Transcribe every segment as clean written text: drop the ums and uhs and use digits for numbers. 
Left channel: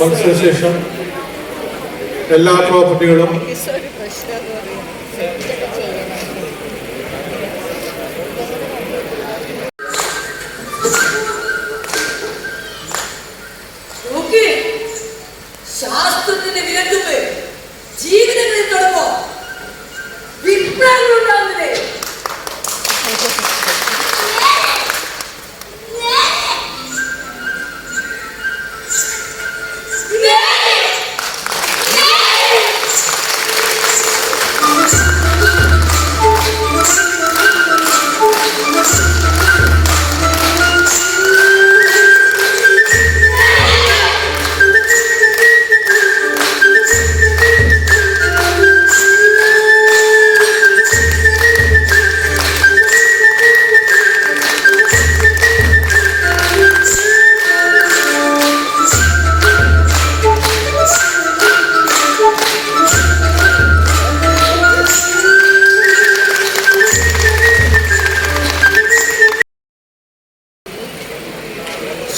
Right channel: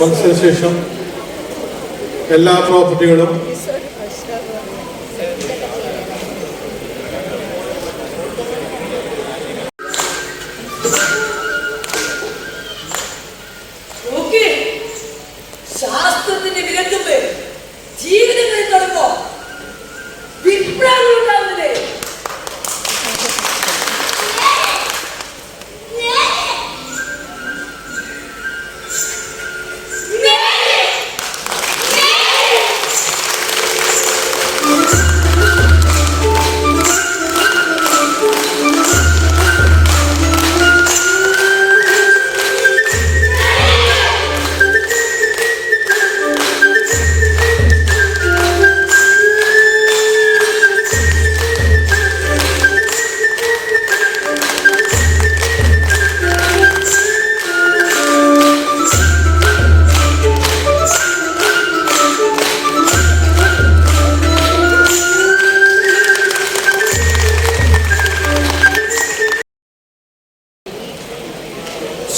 മത്സരശേഷം എല്ലാ പ്രോപ്പർട്ടികളും ശാസ്ത്രത്തിന്റെ വിരട്ടുമ്പോൾ ജീവിതങ്ങളിൽ തുടങ്ങോ വിപ്ലവങ്ങൾ ഉണ്ടാകുന്നത്.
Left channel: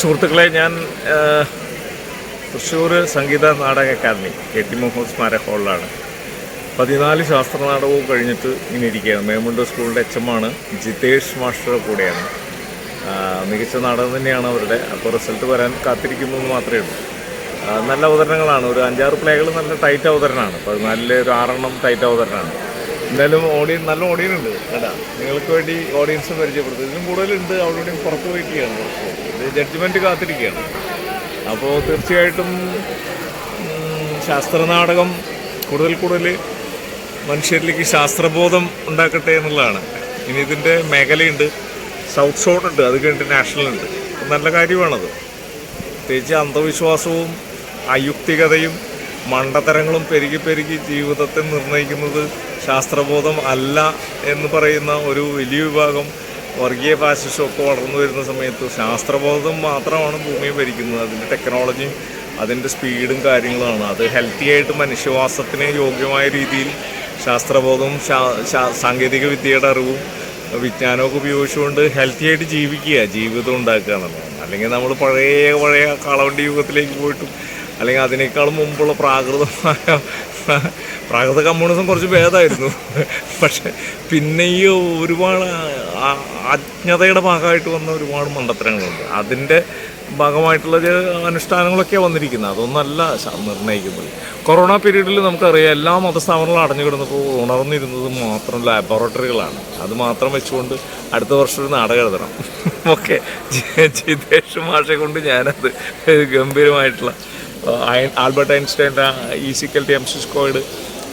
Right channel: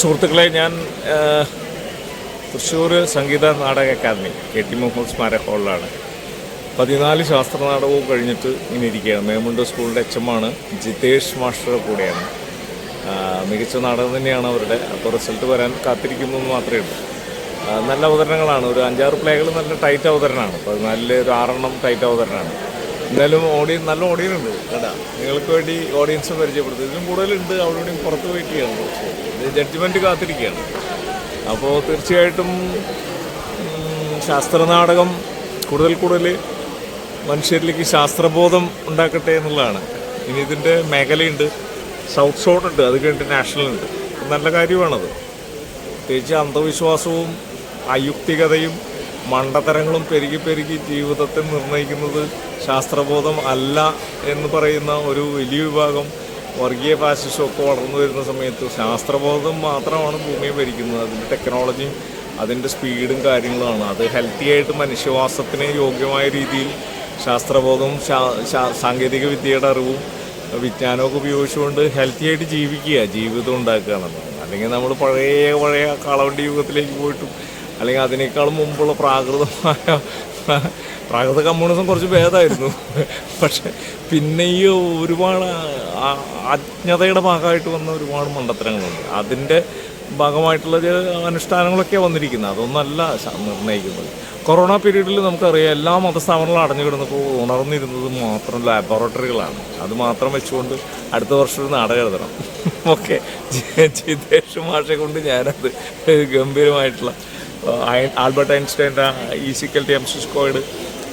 സുഹൃത്തുക്കളെ, ഞാൻ തൃശ്ശൂർ സംഗീത നാടക അക്കാദമി KT മുഹമ്മദ് സ്മാരക ഹാളിലാണ്. 14 ശാസ്ത്രനാടകവും കഴിഞ്ഞിട്ട് ഇങ്ങനെ ഇരിക്കുകയാണ്. മേമുണ്ട സ്കൂളിൻ്റെ HM ജിതേഷ് മാസ്റ്ററുടെ കൂടെയാണ്. മികച്ച നാടകം തന്നെയാണ് അവരുടെ. അപ്പോൾ റിസൾട്ട് വരാൻ കാത്തിരിക്കുന്നു എന്ന് മാത്രമേ ഉള്ളൂ. നല്ല അവതരണങ്ങളാണ്. ഒരു 5-6 പ്ലേകൾ നല്ല ടൈറ്റ് അവതരണമാണ്. 14 ഒരു 6 ടൈറ്റ് അവതരണമാണ്. എന്തായാലും നല്ല ഓഡിയൻസ് ഉണ്ട് കേട്ടാ. നിങ്ങൾക്ക് വേണ്ടി ഓഡിയൻസ് പരിചയപ്പെടുത്തും. ഇതിലും കൂടുതലുണ്ട്. അവിടെയും പുറത്ത് വെയിറ്റ് ചെയ്യണം. കുറച്ച് ജഡ്ജ്മെൻറ്റ് കാത്തിരിക്കുകയാണ്. അപ്പോൾ തീർച്ചയായിട്ടും ശാസ്ത്രനാടകം കൂടുതൽ മനുഷ്യരിലേക്ക് ശാസ്ത്രബോധം ഉണ്ടാക്കട്ടെ എന്നുള്ളതാണ്. ഇനി ഇതിൻ്റെ മേഖലയുണ്ട്, സൗത്ത് സോൺ ഉണ്ട്, അത് കഴിഞ്ഞിട്ട് നാഷണൽ ഉണ്ട്. നല്ല കാര്യമാണത്. പ്രത്യേകിച്ച് അന്ധവിശ്വാസവും അയുക്തികതയും മണ്ടത്തരങ്ങളും പെരുകി ജീവിതത്തെ നിർണ്ണയിക്കുന്നത് ശാസ്ത്രബോധം അല്ല എന്ന് പറയുന്ന ഒരു വലിയ വിഭാഗം വർഗീയ ഫാസിസമൊക്കെ വളർന്നു വരുന്ന സമയത്ത് ശാസ്ത്രബോധം മാത്രമാണ് ഭൂമിയെ ഭരിക്കുന്നത്. അതിൻ്റെ ടെക്നോളജിയും അതിൻ്റെ സ്പീഡും കാര്യങ്ങളുമാണ്. അത് ഹെൽത്തി ആയിട്ട് മനുഷ്യവാസത്തിന് യോഗ്യമായ രീതിയിൽ ശാസ്ത്രബോധവും സാങ്കേതിക വിദ്യയുടെ അറിവും വിജ്ഞാനമൊക്കെ ഉപയോഗിച്ചുകൊണ്ട് ഹെൽത്തി ആയിട്ട് ജീവിതം ഉണ്ടാക്കുക എന്നുള്ളതാണ്. അല്ലെങ്കിൽ നമ്മൾ പഴയ കാളവണ്ടി യുഗത്തിലേക്ക് പോയിട്ടും അല്ലെങ്കിൽ അതിനേക്കാളും മുമ്പുള്ള പ്രാകൃത കമ്മ്യൂണിസം കുറച്ച് ഭേദമായിരുന്നു. പക്ഷെ പിന്നെ ഈ ഒരുപാട് അജ്ഞതയുടെ ഭാഗമായിട്ട് വന്ന ഒരുപാട് മണ്ടത്തരങ്ങളുണ്ട്. അതിൻ്റെ ഭാഗമായിട്ടുള്ള അനുഷ്ഠാനങ്ങളൊക്കെയാണ് വന്നിരിക്കുന്നത്. അതൊന്നല്ല നിർണ്ണയിക്കുന്നത്. കൊറോണ പീരീഡിൽ നമുക്കറിയാം എല്ലാ മതസ്ഥാപനങ്ങളും അടഞ്ഞു കിടന്നപ്പോൾ ഉണർന്നിരുന്നത് മാത്രം ലാബോറട്ടറികളാണ്. അത് മാത്രം വെച്ചുകൊണ്ട് അടുത്ത വർഷം ഒരു നാടകം എഴുതണം. ഓക്കെ, ജിതേഷ് മാഷെ കൊണ്ട് ഞാനത് ഗംഭീരമായിട്ടുള്ള ആൽബർട്ട് ഐൻസ്റ്റൈൻ്റെ EC/MC²,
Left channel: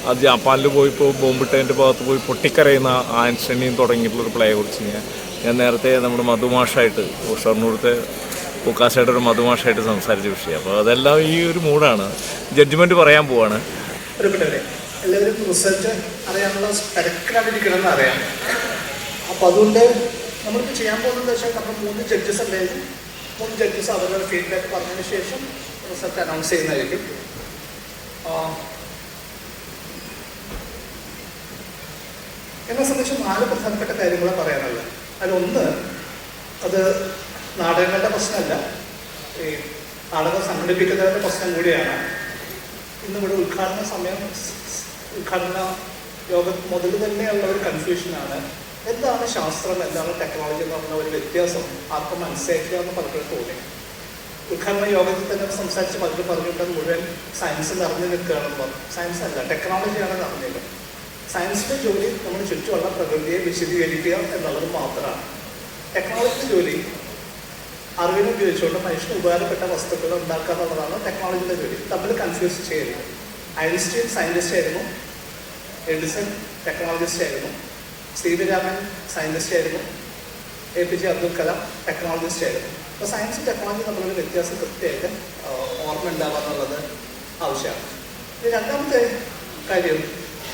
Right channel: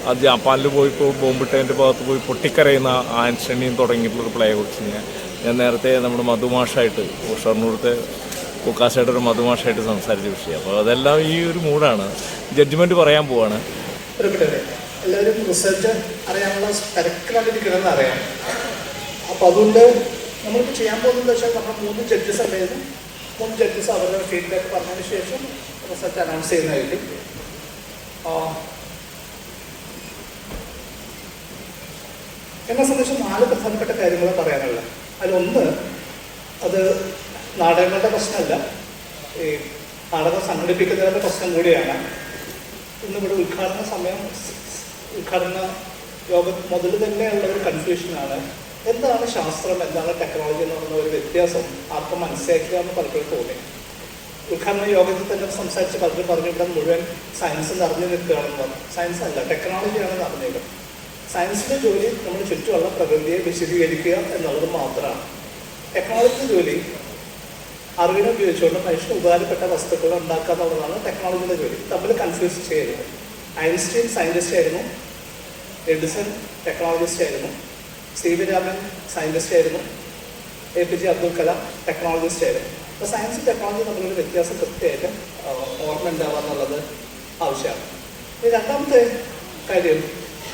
അത് ജാപ്പാനിൽ പോയിപ്പോൾ ബോംബിട്ടതിൻ്റെ ഭാഗത്ത് പോയി പൊട്ടിക്കരയുന്ന ഐൻസ്റ്റൈനെയും തുടങ്ങിയിട്ടുള്ളൊരു പ്ലേയെ കുറിച്ച് ഞാൻ നേരത്തെ നമ്മുടെ മധുമാഷായിട്ട് ഷൊർണൂരത്തെ പൂക്കാശയുടെ ഒരു മധുമാഷായിട്ട് സംസാരിച്ച വിഷയം. അപ്പോൾ അതെല്ലാം ഈ ഒരു മൂഡാണ്. ജഡ്ജ്മെൻറ്റ് പറയാൻ പോവാണ്. എല്ലാവരും റിസൾട്ട് അറിയാനുള്ള തിരക്കിലാണ്ടിരിക്കണമെന്ന് അറിയാം. അപ്പോൾ അതുകൊണ്ട് നമ്മളിപ്പോൾ ചെയ്യാൻ പോകുന്നത് വെച്ചാൽ നമ്മൾ 3 ജഡ്ജസ് ഉണ്ടായിരുന്നു. 3 ജഡ്ജസ് അവരുടെ ഫീഡ്ബാക്ക് പറഞ്ഞതിന് ശേഷം റിസൾട്ട് അനൗൺസ് ചെയ്യുന്നതായിരിക്കും. എന്നെ സംബന്ധിച്ച് 4 പ്രധാനപ്പെട്ട കാര്യങ്ങൾ പറയാനുള്ളത്. അതിലൊന്ന്, അത് നാടകങ്ങളുടെ പ്രശ്നമല്ല, ഈ നാടകം സംഘടിപ്പിക്കുന്നവരുടെ പ്രശ്നം കൂടിയാണ്. ഇന്നിവിടെ ഉദ്ഘാടന യോഗം മുതൽ തന്നെയുള്ള ഒരു കൺഫ്യൂഷനാണ്. എന്താണ് ശാസ്ത്രം, എന്താണ് ടെക്നോളജി എന്ന് പറഞ്ഞ ഒരു വ്യത്യാസം ആർക്കും മനസ്സിലാക്കുക എന്ന് പലപ്പോഴും തോന്നി. ഉദ്ഘാടന യോഗത്തിൽ തന്നെ സംസാരിച്ച് പലരും പറഞ്ഞിട്ട് മുഴുവൻ സയൻസ് നിറഞ്ഞു നിൽക്കുകയാണെന്ന് പറഞ്ഞു. സയൻസ് അല്ല, ടെക്നോളജിയാണ് നിറഞ്ഞത്. സയൻസിൻ്റെ ജോലി നമ്മൾ ചുറ്റുമുള്ള പ്രകൃതിയെ വിശദീകരിക്കുക എന്നുള്ളത് മാത്രമാണ്. ടെക്നോളജിയുടെ ജോലി അറിവിനെ ഉപയോഗിച്ചുകൊണ്ട് മനുഷ്യന് ഉപകാരപ്പെട്ട വസ്തുക്കൾ ഉണ്ടാക്കുക എന്നുള്ളതാണ് ടെക്നോളജിയുടെ ജോലി. തമ്മിൽ കൺഫ്യൂസ് ചെയ്യരുത്. ഐൻസ്റ്റീൻ സയൻറ്റിസ്റ്റ് ആയിരുന്നു, എഡിസൺ ടെക്നോളജിസ്റ്റ് ആയിരുന്നു, CV രാമൻ സയൻറ്റിസ്റ്റ് ആയിരുന്നു, APJ അബ്ദുൽ കലാം ടെക്നോളജിസ്റ്റ് ആയിരുന്നു. അപ്പോൾ സയൻസും ടെക്നോളജിയും തമ്മിലൊരു വ്യത്യാസം കൃത്യമായിട്ട് ഓർമ്മ ഉണ്ടാവുക എന്നുള്ളത് ആവശ്യമാണ്. രണ്ടാമത്തെ കാര്യം,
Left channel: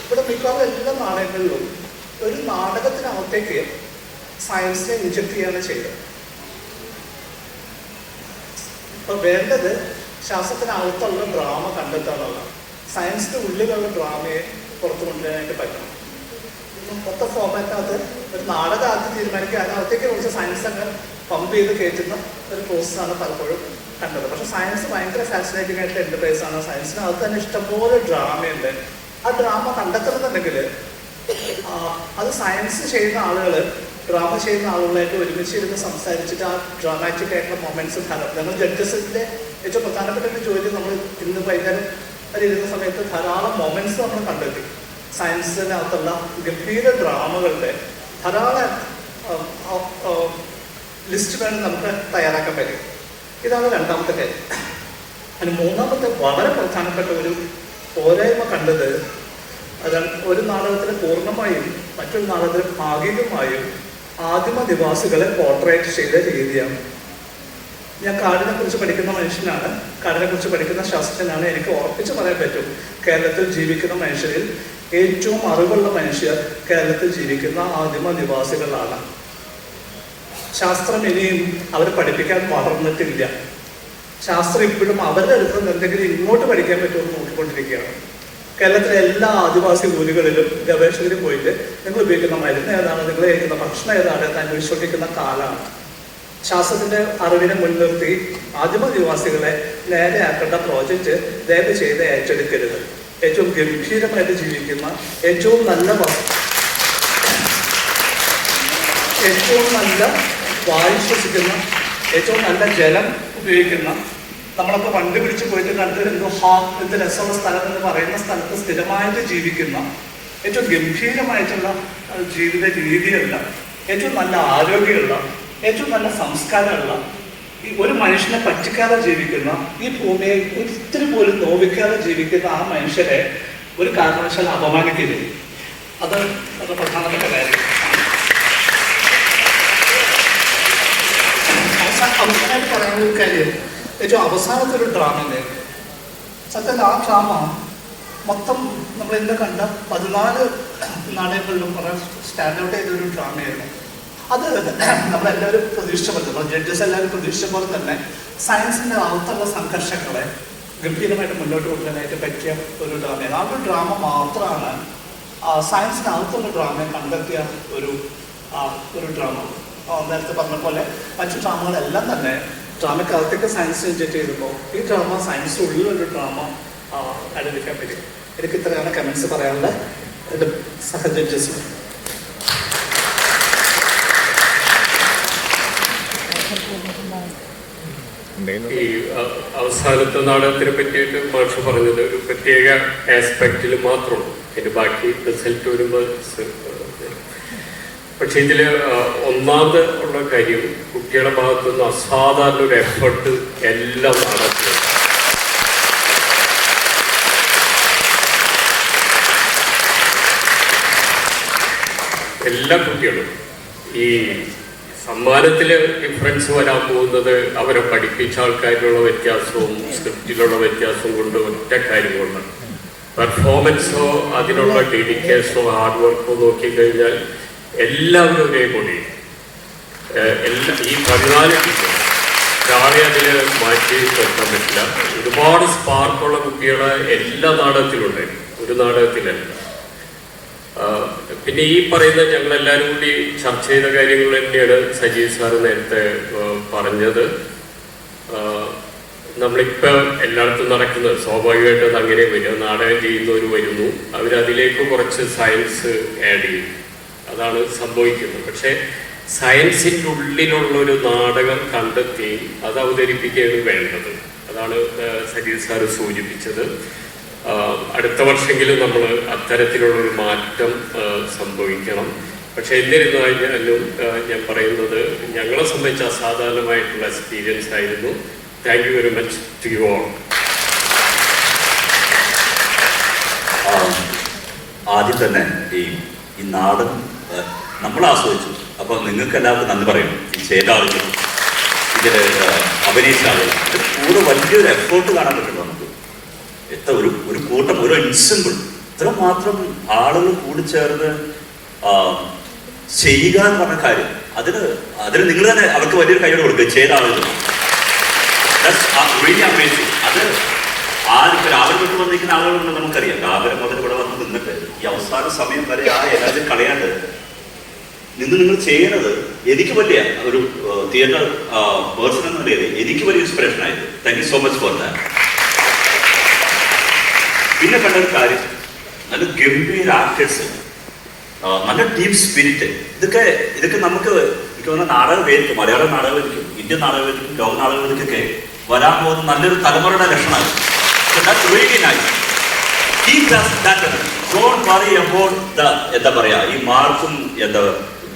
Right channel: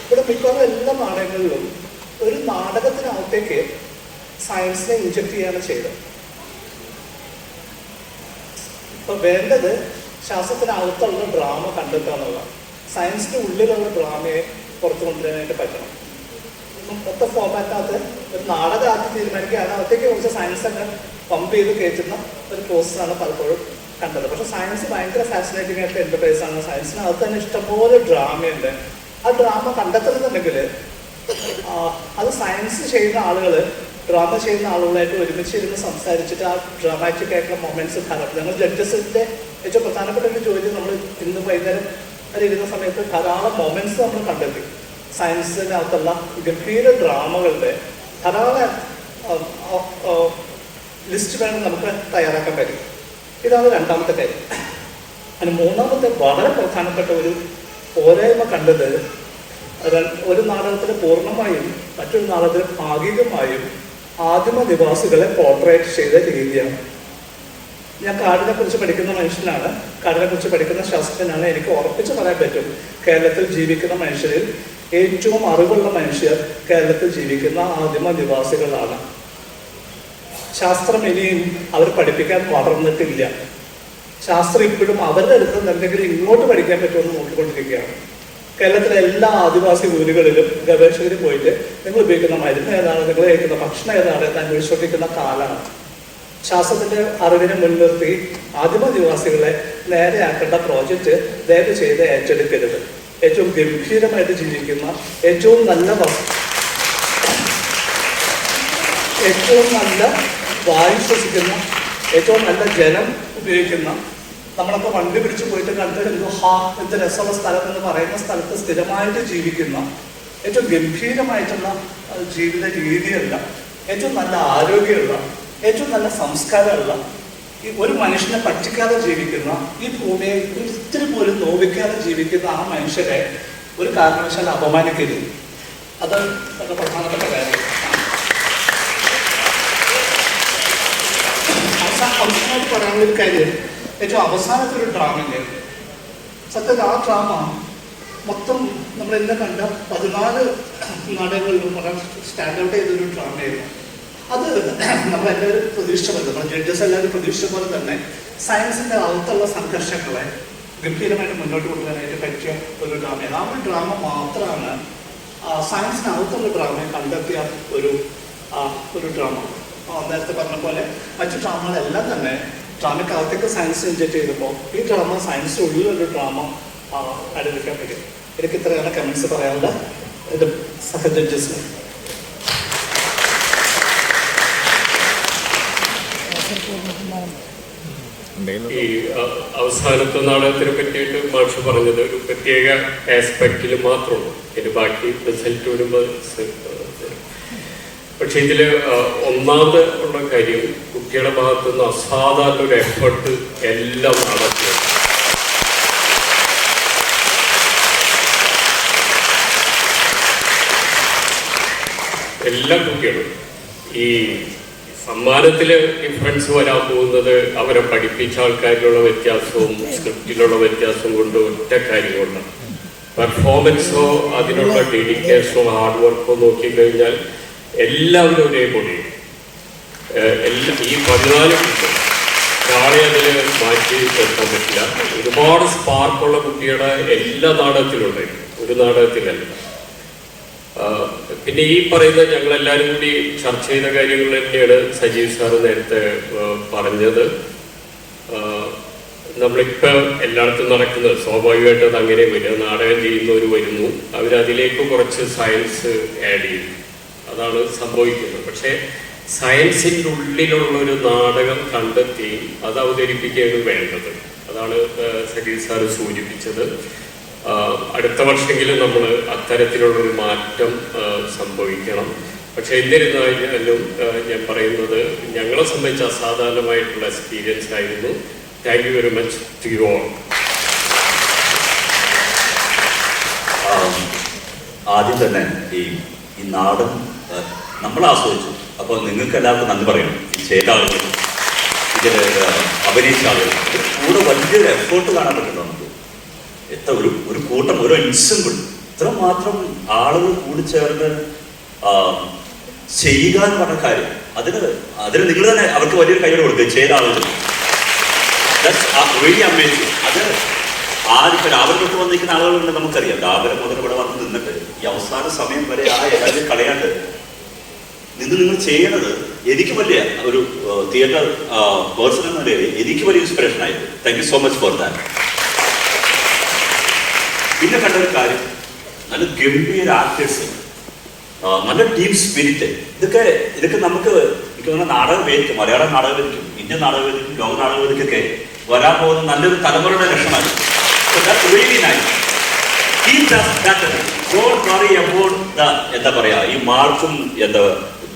ഇവിടെ മിക്കവാറും എല്ലാ നാടകങ്ങളിലും ഒരു നാടകത്തിനകത്തേക്ക് സയൻസിനെ ഇൻജക്ട് ചെയ്യാണ് ചെയ്തത്. ഇപ്പൊ വേണ്ടത് ശാസ്ത്രത്തിനകത്തുള്ള ഡ്രാമ കണ്ടെത്താനുള്ള, സയൻസിന്റെ ഉള്ളിലുള്ള ഡ്രാമയെ പുറത്തു കൊണ്ടുവരാനായിട്ട് പറ്റണം. മൊത്തം ഫോർമാറ്റിനകത്ത് ഒരു നാടകം ആദ്യം തീരുമാനിക്കുക, അതിനകത്തേക്ക് കുറച്ച് സയൻസ് അങ്ങ് പമ്പ് ചെയ്ത് കയറ്റുന്ന ഒരു പ്രോസസ്സാണ് പലപ്പോഴും കണ്ടത്. പക്ഷെ സയൻസ് ഭയങ്കര ഫാസിനേറ്റിംഗ് ആയിട്ടുള്ള എന്റർപ്രൈസാണ്. സയൻസിനകത്ത് തന്നെ ഇഷ്ടംപോലെ ഡ്രാമയുണ്ട്. ആ ഡ്രാമ കണ്ടെത്തണമെന്നുണ്ടെങ്കിൽ അത് സയൻസ് ചെയ്യുന്ന ആളുകൾ ഡ്രാമ ചെയ്യുന്ന ആളുകളായിട്ട് ഒരുമിച്ചിരുന്ന് സംസാരിച്ചിട്ട് ആ ഡ്രാമാറ്റിക് ആയിട്ടുള്ള മൊമെന്റ്സ് ധാരാളം. ഞങ്ങൾ ജഡ്ജസിന്റെ ഏറ്റവും പ്രധാനപ്പെട്ട ഒരു ജോലി നമ്മൾ ഇന്ന് വൈകുന്നേരം വരെ ഇരുന്ന സമയത്ത് ധാരാളം മൊമെന്റ്സ് നമ്മൾ കണ്ടെത്തി. സയൻസിനകത്തുള്ള ഗംഭീര ഡ്രാമകളുടെ ധാരാളം ലിസ്റ്റ് വേണം നമുക്ക് തയ്യാറാക്കാൻ പറ്റും. ഇതാണ് രണ്ടാമത്തെ കാര്യം. അതിന് മൂന്നാമത്തെ വളരെ പ്രധാനപ്പെട്ട ഒരു പോരായ്മ കണ്ടത്, ഒരു നാടകത്തിൽ പൂർണ്ണമായും മറ്റൊരു നാടകത്തിൽ ഭാഗികമായും ആദിമ നിവാസികളെ പോർട്രേറ്റ് ചെയ്ത രീതിയാണ്. ഞാൻ കാടിനെ കുറിച്ച് പഠിക്കുന്ന മനുഷ്യനാണ്, കാടിനെ കുറിച്ച് പഠിക്കുന്ന ശാസ്ത്രജ്ഞനാണ്. എനിക്ക് ഉറപ്പിച്ച് പറയാൻ പറ്റും, കേരളത്തിൽ ജീവിക്കുന്ന മനുഷ്യരിൽ ഏറ്റവും അറിവുള്ള മനുഷ്യർ കേരളത്തിൽ ജീവിക്കുന്ന ആദിമ നിവാസികളാണ്. ശാസ്ത്രം ഇനിയും അവർ പഠിപ്പിക്കാൻ വളർന്നിട്ടില്ല. ശാസ്ത്രം ഇപ്പോഴും അവരുടെ അടുത്ത് എന്തെങ്കിലും ഇങ്ങോട്ട് പഠിക്കാൻ പറ്റുമെന്ന് നോക്കിക്കൊണ്ടിരിക്കുകയാണ്. കേരളത്തിലെ എല്ലാ ആദിവാസി ഊരുകളിലും ഗവേഷകർ പോയിട്ട് നിങ്ങൾ ഉപയോഗിക്കുന്ന മരുന്ന് ഏതാണ്, നിങ്ങൾ കഴിക്കുന്ന ഭക്ഷണം ഏതാണ് എന്ന് അന്വേഷിച്ചുകൊണ്ടിരിക്കുന്ന കാലമാണ്. ശാസ്ത്രത്തിന്റെ അറിവിനെ മുൻനിർത്തി ആദിമ നിവാസികളെ നേരെയാക്കേണ്ട പ്രോജക്റ്റ് ദയവ് ചെയ്ത് ഏറ്റെടുക്കരുത്. ഏറ്റവും ഗംഭീരമായിട്ട് ജീവിക്കുന്ന, ഏറ്റവും നല്ല വായു ശ്വസിക്കുന്ന, ഏറ്റവും നല്ല ജലം ഉപയോഗിക്കുന്ന, നമ്മളൊക്കെ വണ്ടി പിടിച്ച് പോയിട്ട് കണ്ട് എന്ത് രസമുള്ള സ്ഥലം എന്ന് പറയുന്ന സ്ഥലത്ത് സ്ഥിരമായിട്ട് ജീവിക്കുന്ന, ഏറ്റവും ഗംഭീരമായിട്ടുള്ള ജീവിത രീതിയുള്ള, ഏറ്റവും നല്ല ആരോഗ്യമുള്ള, ഏറ്റവും നല്ല സംസ്കാരമുള്ള, ഈ ഒരു മനുഷ്യനെ പറ്റിക്കാതെ ജീവിക്കുന്ന, ഈ ഭൂമിയെ ഒരിത്തിരി പോലും നോവിക്കാതെ ജീവിക്കുന്ന ആ മനുഷ്യരെ ഒരു കാരണവശാൽ അപമാനിക്കരുത്. അത് വളരെ പ്രധാനപ്പെട്ട കാര്യം. അവസാനമായിട്ട് പറയാനുള്ള ഒരു കാര്യം, ഏറ്റവും അവസാനത്തൊരു ഡ്രാമ ഉണ്ടായിരുന്നു. സത്യത്തിൽ ആ ഡ്രാമ മൊത്തം നമ്മളെല്ലാം കണ്ട 14 നാടകങ്ങളിലും വളരെ സ്റ്റാൻഡ് ഔട്ട് ചെയ്തൊരു ഡ്രാമയായിരുന്നു. അത് നമ്മളെല്ലാവരും പ്രതീക്ഷിച്ച പോലെ, നമ്മൾ ജഡ്ജസ് എല്ലാവരും പ്രതീക്ഷിച്ച പോലെ തന്നെ സയൻസിന്റെ അകത്തുള്ള സംഘർഷങ്ങളെ ഗംഭീരമായിട്ട് മുന്നോട്ട് കൊണ്ടുവരാനായിട്ട് പറ്റിയ ഒരു ഡ്രാമയാണ്. ആ ഒരു ഡ്രാമ മാത്രമാണ് സയൻസിനകത്തുള്ള ഡ്രാമയെ കണ്ടെത്തിയ ഒരു ഡ്രാമ. നേരത്തെ പറഞ്ഞ പോലെ മറ്റു ഡ്രാമകളെല്ലാം തന്നെ ഡ്രാമയ്ക്കകത്തേക്ക് സയൻസ് ഇൻജക്ട് ചെയ്തപ്പോൾ ഈ ഡ്രാമ സയൻസിന്റെ ഉള്ളിലൊരു ഡ്രാമ കണ്ടുപിടിക്കാൻ പറ്റും. എനിക്ക് ഇത്രയാണ് കമന്റ്സ് പറയാനുള്ള എൻ്റെ സഹ ജഡ്ജസിന്. ഈ അവസാനത്തെ നാടകത്തിനെ പറ്റിയിട്ട് മാഷ് പറഞ്ഞത് ഒരു പ്രത്യേക ആസ്പെക്റ്റിൽ മാത്രമുള്ളൂ, അതിന്റെ ബാക്കി റിസൾട്ട് വരുമ്പോൾ. പക്ഷെ ഇതില് ഒന്നാമത് ഉള്ള കാര്യം, കുട്ടികളുടെ ഭാഗത്തു നിന്ന് അസാധാരണ ഒരു എഫർട്ട് എല്ലാം നടത്തുന്നത്. എല്ലാ കുട്ടികളും ഈ സമ്മാനത്തില് ഡിഫറൻസ് വരാൻ പോകുന്നത് അവരെ പഠിപ്പിച്ച ആൾക്കാരിലുള്ള വ്യത്യാസവും സ്ക്രിപ്റ്റിലുള്ള വ്യത്യാസവും കൊണ്ട് ഒറ്റ കാര്യം കൊണ്ടാണ്. പെർഫോമൻസോ അതിനുള്ള ഡെഡിക്കേഷനോ ഹാർഡ് വർക്കോ നോക്കിക്കഴിഞ്ഞാൽ എല്ലാവരും ഒരേപോലെ. ഈ 14 ടീച്ചർ ഒരാളെ അതിൽ മാറ്റി നിർത്താൻ പറ്റില്ല. ഒരുപാട് സ്പാർക്കുള്ള കുട്ടികളെ എല്ലാ നാടകത്തിലുണ്ടായിരുന്നു, ഒരു നാടകത്തിലല്ല. പിന്നെ ഈ പറയുന്ന ഞങ്ങളെല്ലാവരും കൂടി ചർച്ച ചെയ്ത കാര്യങ്ങൾ തന്നെയാണ് സജീവ് സാറ് നേരത്തെ പറഞ്ഞത്. നമ്മളിപ്പോ എല്ലായിടത്തും നടക്കുന്നത് സ്വാഭാവികമായിട്ട് അത് അങ്ങനെ വരിക. നാടകം ചെയ്യുന്നവർ വരുന്നു, അവരതിലേക്ക് കുറച്ച് സയൻസ് ആഡ് ചെയ്യും, അതാണ് സംഭവിക്കുന്നത്. പക്ഷെ സയൻസിൻ്റെ ഉള്ളിലുള്ള ഒരു നാടകം കണ്ടെത്തി അത് അവതരിപ്പിക്കുകയാണ് വേണ്ടത്. അതാണ് സജീവ് സാറ് സൂചിപ്പിച്ചത്. അടുത്ത വർഷമെങ്കിലും നമ്മൾ അത്തരത്തിലുള്ളൊരു മാറ്റം സംഭവിക്കണം. പക്ഷെ എന്നിരുന്നാലും ഞാൻ പറയുന്നത് ഞങ്ങളെ സംബന്ധിച്ച് അസാധാരണമായിട്ടുള്ള എക്സ്പീരിയൻസ് ആയിരുന്നു. Thank you very much to you all. ആദ്യം തന്നെ ഈ നാടകം നമ്മൾ ആസ്വദിച്ചു. അപ്പോൾ നിങ്ങൾക്ക് എല്ലാവർക്കും നന്ദി പറയണം. ഈ ചെയ്ത ആളുകളും ഇതിൽ അഭിനയിച്ച ആളുകളും കൂടെ വലിയൊരു എഫേർട്ട് കാണാൻ പറ്റുന്നുണ്ട് നമുക്ക്. എത്ര ഒരു കൂട്ടം, ഒരു എൻസെമ്പിൾ, ഇത്രമാത്രം ആളുകൾ കൂടിച്ചേർന്ന് ചെയ്യുക എന്ന് പറഞ്ഞ കാര്യം, അതിന് നിങ്ങൾ തന്നെ അവർക്ക് വലിയൊരു കൈയോട് കൊടുക്കുക ചെയ്ത ആളുകൾ. അത് ആർക്കും രാവിലെ തൊട്ട് വന്നിരിക്കുന്ന ആളുകളുണ്ട് നമുക്കറിയാം. രാവിലെ മുതൽ ഇവിടെ വന്ന് നിന്നിട്ട് ഈ അവസാന സമയം വരെ ആ എല്ലാവരും കളയാണ്ട് നിങ്ങൾ ചെയ്യണത് എനിക്ക് വലിയ ഒരു തിയേറ്റർ പേഴ്സൺ എന്ന നിലയിൽ എനിക്ക് വലിയ ഇൻസ്പിറേഷൻ ആയിരുന്നു. Thank you so much for that. പിന്നെ കണ്ട ഒരു കാര്യം, നല്ല ഗംഭീര ആക്ടേഴ്സ്, നല്ല ടീം സ്പിരിറ്റ്, ഇതൊക്കെ നമുക്ക് എനിക്ക് തോന്നുന്ന നാടകവേദിക്കും, മലയാള നാടകവേദിക്കും, ഇന്ത്യൻ നാടകവേദിക്കും, ലോക നാടകവേദിക്കൊക്കെ വരാൻ പോകുന്ന നല്ലൊരു തലമുറയുടെ ലക്ഷണമാണ്. എന്താ പറയാ, ഈ മാർക്കും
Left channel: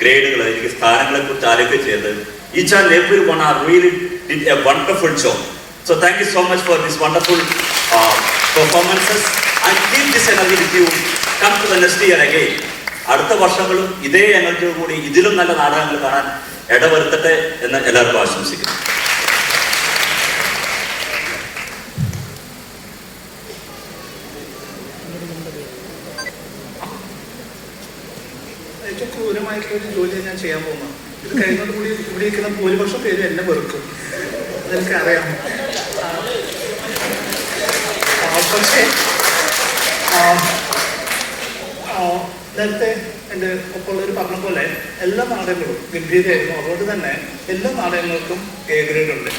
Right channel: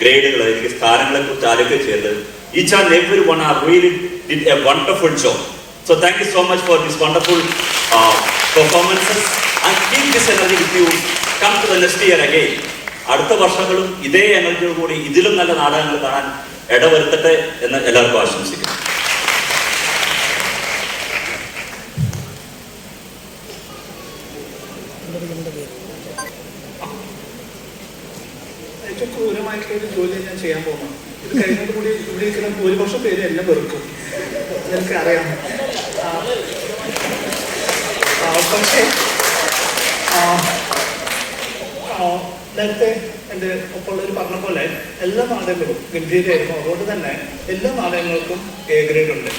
ഗ്രേഡുകൾ, എനിക്ക് സ്ഥാനങ്ങളെ കുറിച്ച് ആലോചിച്ച് ചെയ്ത് each and every one are really did a wonderful job. So thank you so much for this wonderful performances. And keep this energy with you. Come to the next year again. അടുത്ത വർഷങ്ങളും ഇതേ എനർജിയോട് കൂടി ഇതിലും നല്ല നാടകങ്ങൾ കാണാൻ ഇടവരുത്തട്ടെ എന്ന് എല്ലാവർക്കും ആശംസിക്കുന്നു. ഏറ്റവും ക്രൂരമായിട്ടുള്ളൊരു ജോലിയാണ് ഞാൻ ചെയ്യാൻ പോകുന്നത്. ഇത് കഴിഞ്ഞോടുകൂടി ഇവിടെ ഇരിക്കുന്ന ഭൂരിപക്ഷം പേര് എന്നെ വെറുക്കും, അതെനിക്കറിയാം. പക്ഷേ നേരത്തെ എൻ്റെ ഒപ്പമുള്ളവർ പറഞ്ഞ പോലെ എല്ലാ നാടകങ്ങളും ഗംഭീരമായിരുന്നു. അതുകൊണ്ട് തന്നെ എല്ലാ നാടകങ്ങൾക്കും എ ഗ്രേഡ് ഉണ്ട്.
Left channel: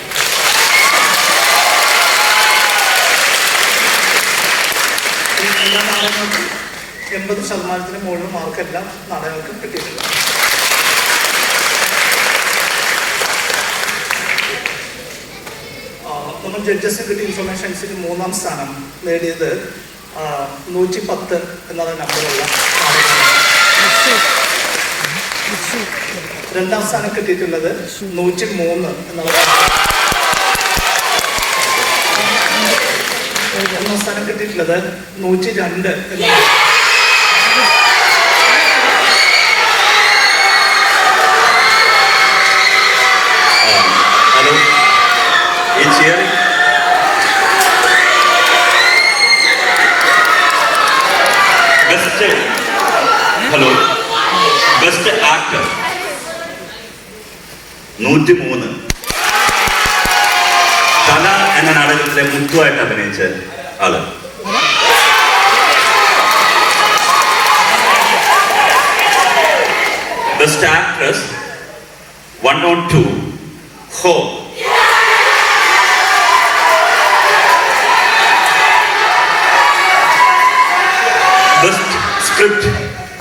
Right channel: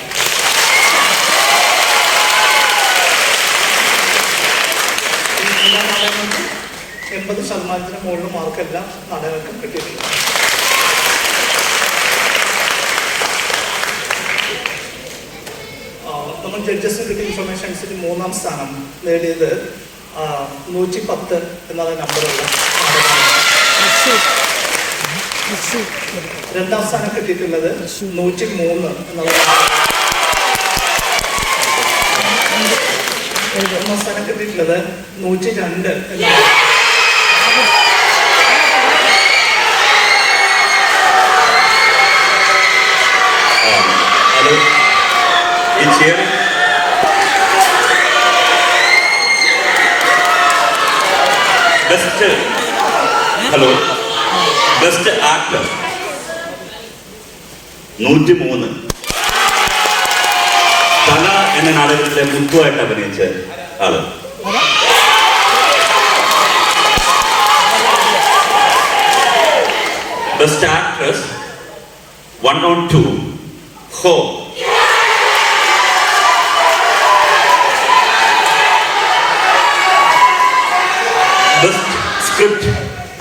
എല്ലാ നാടകങ്ങൾക്കും 80% മുകളിൽ മാർക്ക് എല്ലാ നാടകങ്ങൾക്കും കിട്ടിയിട്ടുണ്ട്. നമ്മൾ ജഡ്ജസിന് കിട്ടിയ ഇൻഫർമേഷൻ അനുസരിച്ച് 3ാം സ്ഥാനം നേടിയത് 110 എന്നുള്ള നമ്പറുള്ള നാടകമാണ്. 2ാം സ്ഥാനം കിട്ടിയിട്ടുള്ളത് 103 എന്നുള്ള. 1ാം സ്ഥാനം കിട്ടിയിട്ടുള്ളത് 102 എന്നുള്ള. ഹലോ, ഈ ചിയറിംഗ് ബെസ്റ്റ് ആക്ടർ 103. തല എന്ന നാടകത്തിലെ മുത്തുവായിട്ട് അഭിനയിച്ച ആള്. ബെസ്റ്റ് ആക്ട്രസ് 102 ഹോ.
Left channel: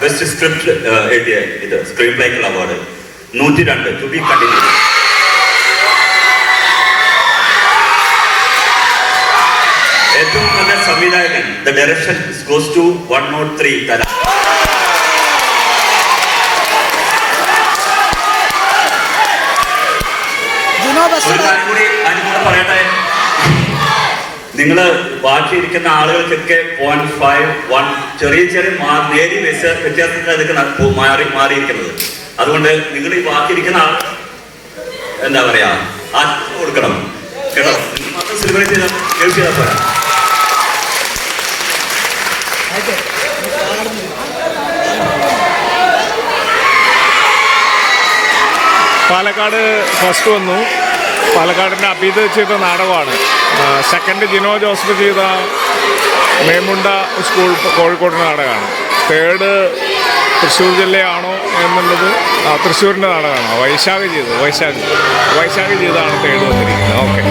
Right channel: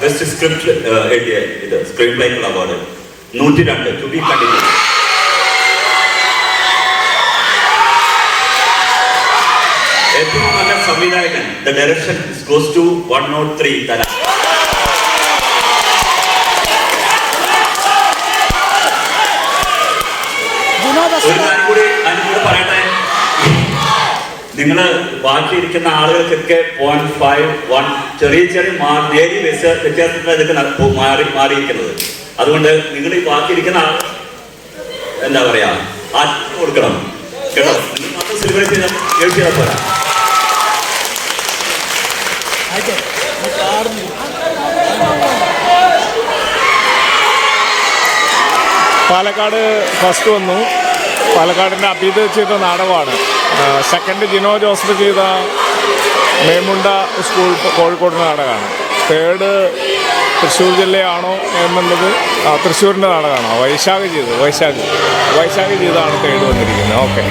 ബെസ്റ്റ് സ്ക്രിപ്റ്റ് എഴുതിയ സ്ക്രീൻ പ്ലേക്കുള്ള അവാർഡ് 102. To be continue. ഏറ്റവും നല്ല സംവിധായകൻ ദ ഡയറക്ഷൻ ഗോസ് ടു 103 തല. ഒരു കാര്യം കൂടി അതിനോട് പറയട്ടെ, നിങ്ങൾ ബാക്കിയിരിക്കുന്ന ആളുകൾക്കൊക്കെ 0.5, 1 ചെറിയ നേരിയ വ്യത്യാസത്തിൽ അതൊക്കെ മാറിയിരിക്കുന്നത്. അതുകൊണ്ട് നിങ്ങൾ ഈ ബാക്കിയിരിക്കുന്ന ആൾ എന്താ പറയാ കൊടുക്കണം കേട്ടോ. നിങ്ങൾ മാത്രം സെലിബ്രേറ്റ് ചെയ്താൽ പോരാ. പാലക്കാട് ഫസ്റ്റ് വന്നു. പാലക്കാടിൻ്റെ അബീദ് ചെയ്ത നാടകമാണ്. സെക്കൻഡ് ജിനോ ജോസഫ് ചെയ്ത മേമുണ്ട സ്കൂൾ കോഴിക്കോട് നാടകമാണ്. തേർഡ് തൃശ്ശൂർ ജില്ലയാണോ എന്നുള്ളത് തൃശ്ശൂരിൻ്റെ നാടകമാണോ? വൈശാഖ് ചെയ്തതാണ് തേർഡ് വന്നിരിക്കുന്നത്. ഓക്കെ.